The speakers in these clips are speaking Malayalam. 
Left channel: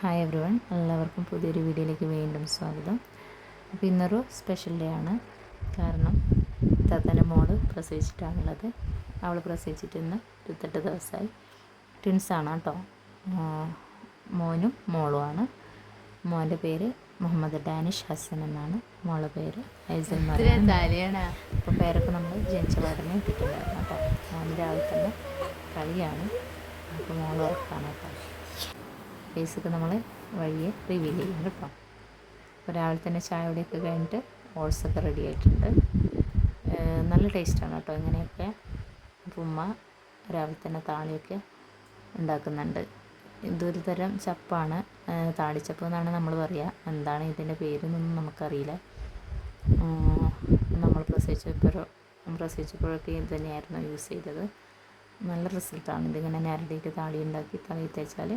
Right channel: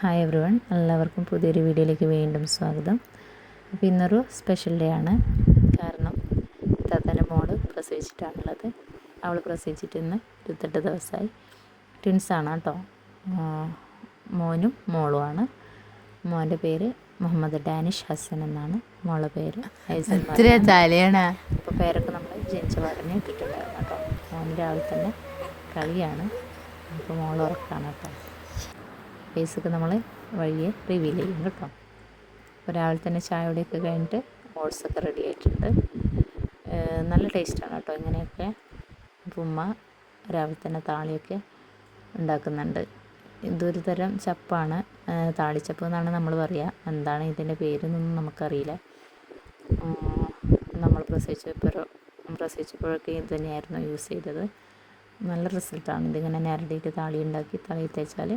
ഹായ് എവ്രി വൺ, എല്ലാവർക്കും പുതിയൊരു വീഡിയോയിലേക്ക് വീണ്ടും സ്വാഗതം. അപ്പോൾ ഇന്നൊരു സ്പെഷ്യൽ ഡേ ആണ്. കാരണം താത്തൻ്റെ മോള് പ്രസവിച്ചിട്ടാണുള്ളത്. അവൾ പ്രസവിച്ചിട്ട് ഇന്ന് 28 ദിവസമായി. ട്വിൻസാണ് കേട്ടോ, മോനും മോളുമാണ്. മോൻ്റെ പേര് മുഹമ്മദ് ഡാനിഷ് ഹസൻ എന്നാണ്, മോളുടെ പേര് ഐസൽ. അപ്പോൾ പേരൊക്കെ നമ്മൾ ജനിച്ച പാടനെ ഇട്ടിട്ടുണ്ടായിരുന്നു കേട്ടോ. മോന് രാവിലെ തന്നെ കളിയാണ്, അപ്പോൾ മോൾ ഉറക്കാണ് കേട്ടോ. ഫേസൊക്കെ നമ്മൾ വഴിയെ റിവീൽ ചെയ്യും കേട്ടോ. അപ്പോൾ രാവിലെ തന്നെ ചായയോടെയൊക്കെ കഴിഞ്ഞിട്ട് ഓട്സൊക്കെ റെഡി ആയിട്ടുണ്ട്. നല്ല ടേസ്റ്റാണ് കേട്ടോ ഇങ്ങനെയൊക്കെ. അപ്പോൾ ഉമ്മ രാവിലെ തന്നെ താളിയൊക്കെ ഉണ്ടാക്കുന്നുണ്ട്. ഇതൊരു തരം ചപ്പാണ്, താളിച്ചപ്പ് എന്നാണ് നമ്മൾ പറയുക. എന്താണ് ഇതിൻ്റെ പേരെന്നൊന്നും നമുക്കറിയില്ല. നമ്മൾ പ്രസവിച്ചപ്പോഴൊക്കെ ഇത് തന്നെയായിരുന്നു യൂസ് ചെയ്തത്. നല്ല റിസൾട്ടാണ്. ഇതിങ്ങനെ നേരടിയിട്ട് താളി ഉണ്ടാക്കി തലയിൽ തേച്ചാൽ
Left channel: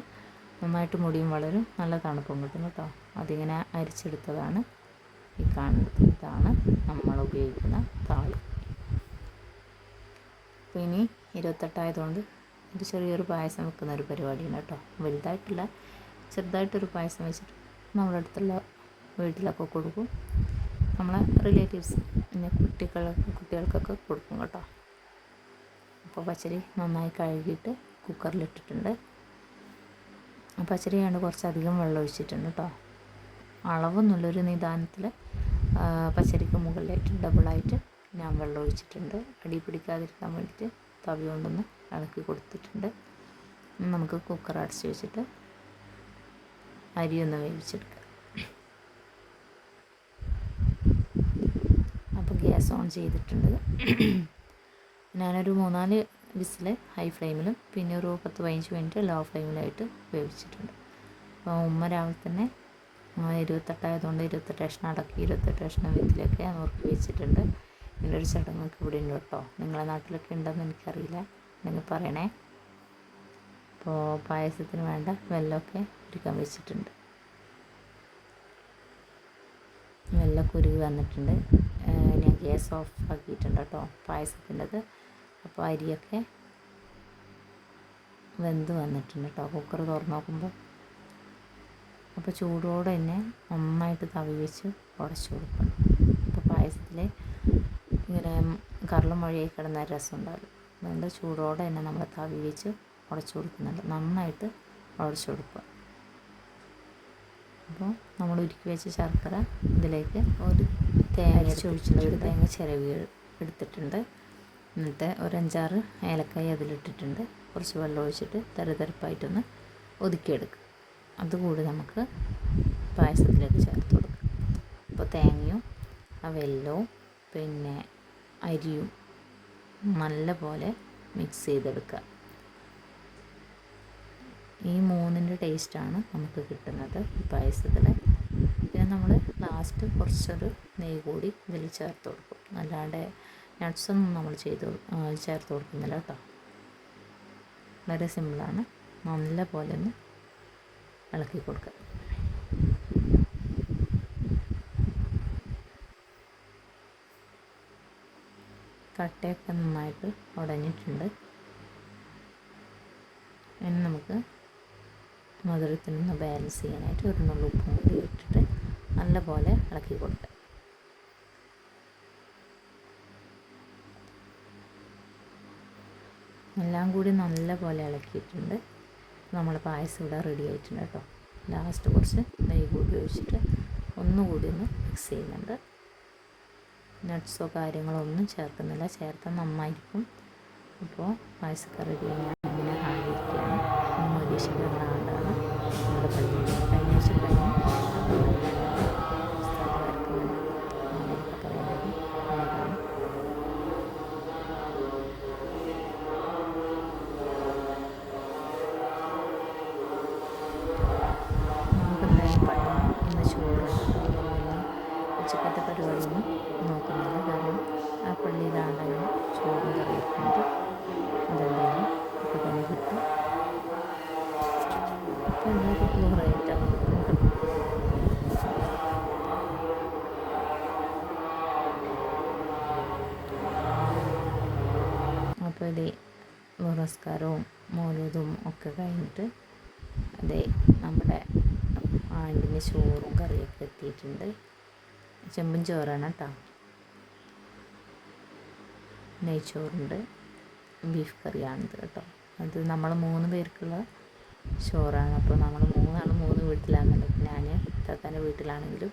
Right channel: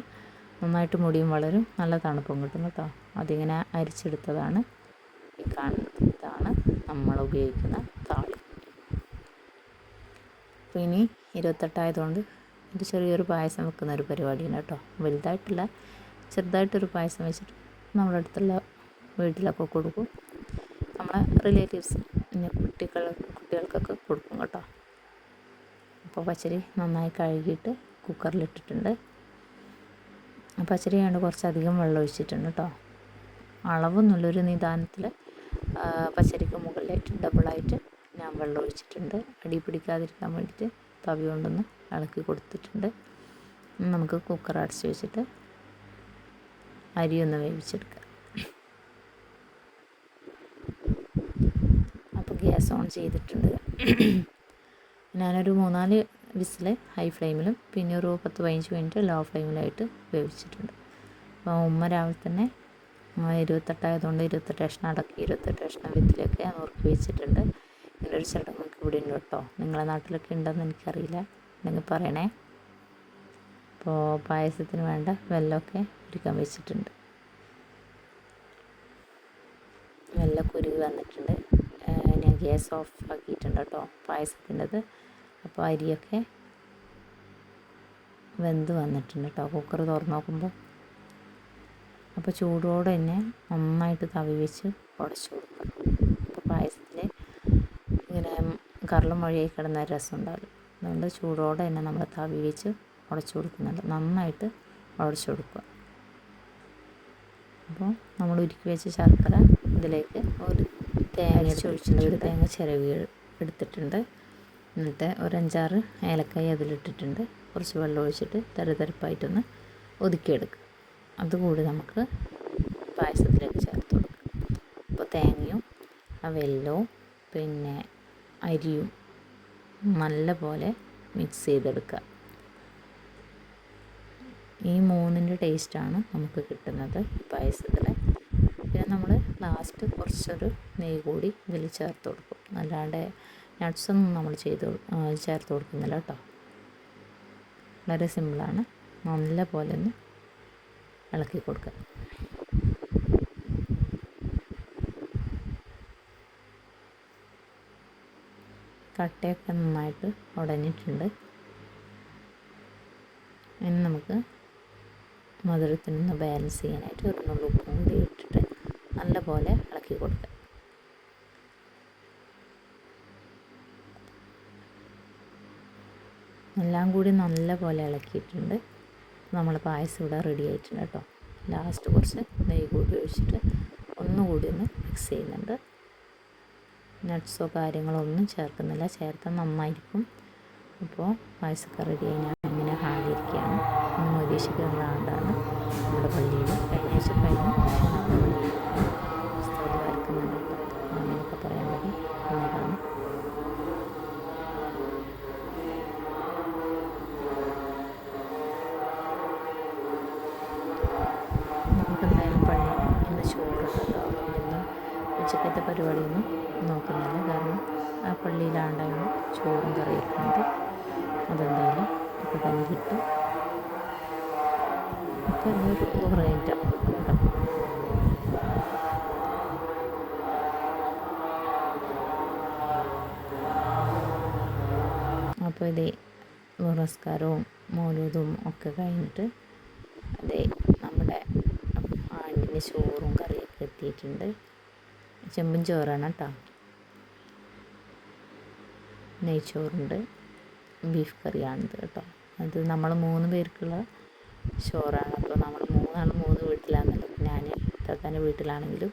നന്നായിട്ട് മുടിയും വളരും, നല്ല തണുപ്പും കിട്ടും കേട്ടോ. അതിങ്ങനെ അരിച്ചെടുത്തതാണ് ഈ കാണുന്നത്. ഇതാണ് നമ്മൾ ഉപയോഗിക്കുന്ന താളി. അപ്പോൾ ഇനി 28 ആയതുകൊണ്ട് ഒരു ചെറിയൊരു പായസം വെക്കുന്ന ഒരു പരിപാടിയാണ് കേട്ടോ. വലുതായിട്ടില്ല, ചെറുതായിട്ടൊരു പായസം വെച്ചിട്ട് നമ്മുടെ അടുത്തുള്ള വീട്ടിലൊക്കെ കൊടുക്കും. നമ്മളെ റിലേറ്റീവ്സ് പിന്നെ കുട്ടികൾക്കൊക്കെ കൊടുക്കും കേട്ടോ. അപ്പോൾ പച്ചരി നന്നായി കഴുകിയിട്ട് കുക്കറിലിട്ടിട്ടുണ്ട്. പച്ചരി കൊണ്ട് കുറച്ചധികം വെള്ളം ഒഴിച്ചിട്ടുണ്ട് കേട്ടോ. അളവൊന്നുള്ളൊരു നിദാനത്തിൽ പച്ചരിക്ക് മുകളിലായിട്ട് ഡബിളായിട്ട് ഞാൻ വെള്ളം ഒഴിച്ചിട്ടുണ്ട്. അടി പിടിക്കാതിരിക്കാൻ വേണ്ടിയിട്ട് തവി കൊണ്ടൊന്ന് ഇളക്കി കൊടുത്തിട്ടുണ്ട്. നമുക്ക് കുക്കർ അടച്ച് വെച്ചിട്ട് അരിയൊന്ന് വേവിച്ചെടുക്കാം. അപ്പോൾ ഗ്യാസ് ഓൺ ചെയ്തിട്ടുണ്ട്. ഞാനൊരു 3-4 വിസിൽ ഹൈ ഫ്ലെയിമിലും പിന്നെ ഒരു 10-15 മിനിറ്റ് ലോ ഫ്ലെയിമിലായിട്ട് വേവിച്ചിട്ടുണ്ട്. അപ്പോൾ ഉമ്മ രാവിലെ തന്നെ 28 ആയതുകൊണ്ട് 28 കഷ്ണം അടക്കി 28 കഷ്ണം വിത്തിലൊക്കെ നുറുക്കി വെച്ചിട്ടുണ്ട്. ഇങ്ങനൊരു ചടങ്ങൊക്കെ ഇവിടെ ഉണ്ട് കേട്ടോ. നിങ്ങളുടെ നാട്ടിലൊക്കെ ഉണ്ടെന്ന് എനിക്കറിയില്ല, ഉണ്ടെങ്കിൽ പറയണേ. അപ്പോൾ പായസത്തിന് വേണ്ട വെല്ലമൊക്കെ എടുക്കാൻ വെച്ചിട്ടുണ്ട്. വെല്ലമൊക്കെ ഉരുകി വന്നിട്ടുണ്ട്. ഞാൻ ഗ്യാസ് ഓഫ് ആക്കിയിട്ടുണ്ട് കേട്ടോ പായസത്തിൻ്റെത്. അപ്പോൾ അരിയൊക്കെ വെന്ത് വന്നിട്ടുണ്ട് കേട്ടോ കുക്കർ തുറന്ന് നോക്കുമ്പോൾ. അപ്പോൾ ചൂടോടെ തന്നെ നന്നായിട്ട് തവി വെച്ച് ഉടച്ചു കൊടുക്കണം. അപ്പോൾ പായസത്തിൽ ഇങ്ങനെ കറളും മൊഴിയായി കിടന്ന രസം ഉണ്ടാകും. അതുകൊണ്ട് ചൂടോടെ തന്നെ നമ്മൾ തവി വെച്ച് ഉടച്ചു കൊടുക്കുന്നുണ്ട്. നന്നായിട്ട് ഉടച്ചു കൊടുക്കുക. അപ്പോൾ നമ്മൾ ഉരുക്കി വെച്ച ശർക്കര ഇതിലേക്ക് ഒരു തേങ്ങ ഒഴിച്ചിട്ടുണ്ട്. ഒരു തേങ്ങ ചിരവി എടുത്തിട്ടുണ്ട്. എന്നിട്ട് ഒരു 5-6 ഏലക്കായ അതിലിട്ടിട്ടുണ്ട്. കുറച്ച് വെള്ളം ഒഴിച്ചിട്ട് തരിതരിപ്പായിട്ടൊന്ന് ഒതുക്കിയെടുക്കുക. അതുകൂടി നമുക്ക് പായസത്തിലേക്ക് ചേർത്ത് കൊടുക്കാം. അപ്പോൾ തേങ്ങയും വെല്ലവും പിന്നെ അരിയും നല്ല പോലെ മിക്സ് ചെയ്തെടുക്കുക. ഈ 3ൻ്റെ ടേസ്റ്റാണ് നമുക്ക് കിട്ടുന്നത് ഈ പായസത്തിൽ. പിന്നെ നമ്മൾ ലാസ്റ്റ് കുറച്ചൊരു നെയ്യ് കൂടി ഇതിൽ ചേർത്ത് കൊടുക്കും. അല്ലാണ്ട് നട്ട്സൊന്നും നമ്മൾ ചേർത്ത് കൊടുക്കുന്നില്ല കേട്ടോ. വളരെ സിമ്പിളാണ്. നല്ല പോലെ ഒന്ന് ഇളക്കി കൊടുക്കുക. കട്ടയൊക്കെ നന്നായിട്ട് ഉടഞ്ഞിട്ടുണ്ട്. ഇനി നമുക്ക് മധുരത്തിനൊന്ന് ബാലൻസ് ചെയ്യാനായിട്ട് ഒരു നുള്ളു ഉപ്പും കൂടി ഇട്ടിട്ട് നല്ല പോലെ ഇളക്കി കൊടുക്കുക. എല്ലാം കൂടി നല്ല പോലെ ഇളക്കിയിട്ടുണ്ട്. നമ്മൾ പായസം ഇവിടെ റെഡി ആയിട്ടുണ്ട് കേട്ടോ. ലാസ്റ്റ് കുറച്ച് നെയ്യ് കൂടി ഒഴിച്ചിട്ട് ഒന്നുകൂടി ഒന്ന് മിക്സ് ചെയ്യുന്നുണ്ട്. നട്ട്സോ കാര്യങ്ങളോ ഒന്നും ചേർക്കുന്നില്ല, ചേർത്താൽ നന്നായിരിക്കും. അപ്പോൾ പായസമൊക്കെ റെഡിയായി. ഞാൻ ഇങ്ങനെ ഹാലിരിക്കുകയാണ്. മൊരീഷിക്കുന്ന ആണ്ടാണ് നമ്മുടെ പള്ളിയിൽ കഴിഞ്ഞ കഴിഞ്ഞ് അങ്ങനെയൊക്കെ പറയാൻ വേണ്ടി അതാണ്. നമുക്കെന്തായാലും പള്ളി ഇന്ന് ചോറുണ്ട് കേട്ടോ. അതുകൊണ്ടിന്ന് ഉച്ചക്കത്തെ പരിപാടിയൊന്നും നോക്കുന്നില്ല. കാരണം ആ പള്ളിയിലാണ്ടായിരുന്നു ചോറും കറി വെക്കുന്നത്. അതെന്തായാലും ഒക്കെ കഴിഞ്ഞിട്ട് അപ്പോൾ ഇങ്ങോട്ട് കുറേറ്റാണ് കേട്ടോ. അപ്പോൾ ഇത് നമസ്കാരവും മൗലൂദും ഒക്കെ കഴിഞ്ഞിട്ട് അതേ നമ്മുടെ ചോറും കറിയൊക്കെ എത്തിയിട്ടുണ്ട്. ചെമ്പും ചോറാണ് കേട്ടോ. നെയ്ച്ചോറുണ്ട്, ബീഫ് കറിയാണിത് കേട്ടോ. അത് നമ്മൾ 3 പേർക്കുള്ള ചോറാണ്. അപ്പോൾ നമ്മൾ 3 വീട്ടിലാണെന്നുള്ളത്. ഞാൻ താത്താൻ്റെ വീട്ടിലാണെങ്കിലും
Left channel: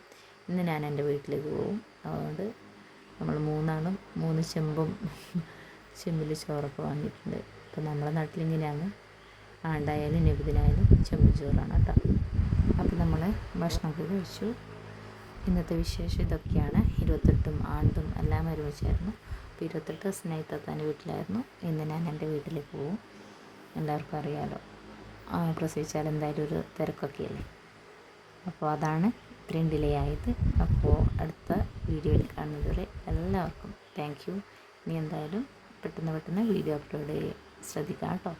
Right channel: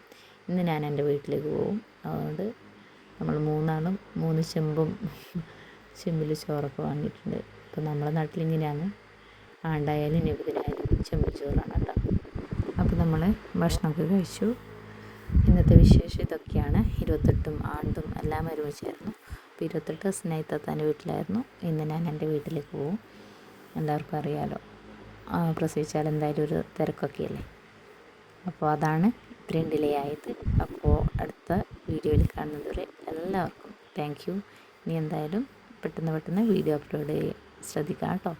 ഇന്ന് ഞാൻ എൻ്റെ വീട്ടിലേക്ക് പോകും. അതുകൊണ്ട് നമ്മൾ 3 ചെമ്പിൽ ചോറൊക്കെ വാങ്ങിയിട്ടുണ്ട്. അപ്പോൾ നമ്മളെ നാട്ടിലിങ്ങനെയാണ്, ആണ്ടായാലും നബിദിനായാലും ചെമ്പ് ചോറാണ് കേട്ടോ. അപ്പോൾ നമ്മൾ ഭക്ഷണമൊക്കെ കഴിച്ചു. ഇന്നത്തെ വിശേഷം ഇതൊക്കെയാണ്. 28 ആണ്ടും എല്ലാം ഒരുമിച്ചായിരുന്നു. അപ്പോൾ 28 സ്നേഹ താത്താൻ്റെ വീട്ടിലായിരുന്നു. ഇന്ന് ഞാൻ എൻ്റെ വീട്ടിലേക്ക് പോകും. എല്ലാവർക്കും അറിയാമല്ലോ, പ്രസവിച്ചാൽ എന്തായാലും ഒരു തിരക്കൊക്കെയല്ലേ. അപ്പോൾ അതാണ് ഇത്രയും ഡിലേ ആയത്. അപ്പോൾ അടുത്ത വീഡിയോയിൽ കാണുന്നതുവരെ എല്ലാവർക്കും താങ്ക് യു. ഇനി എന്തായാലും പെട്ടെന്ന് വീഡിയോ അപ്ലോഡ് ചെയ്യാൻ ശ്രദ്ധിക്കാം കേട്ടോ.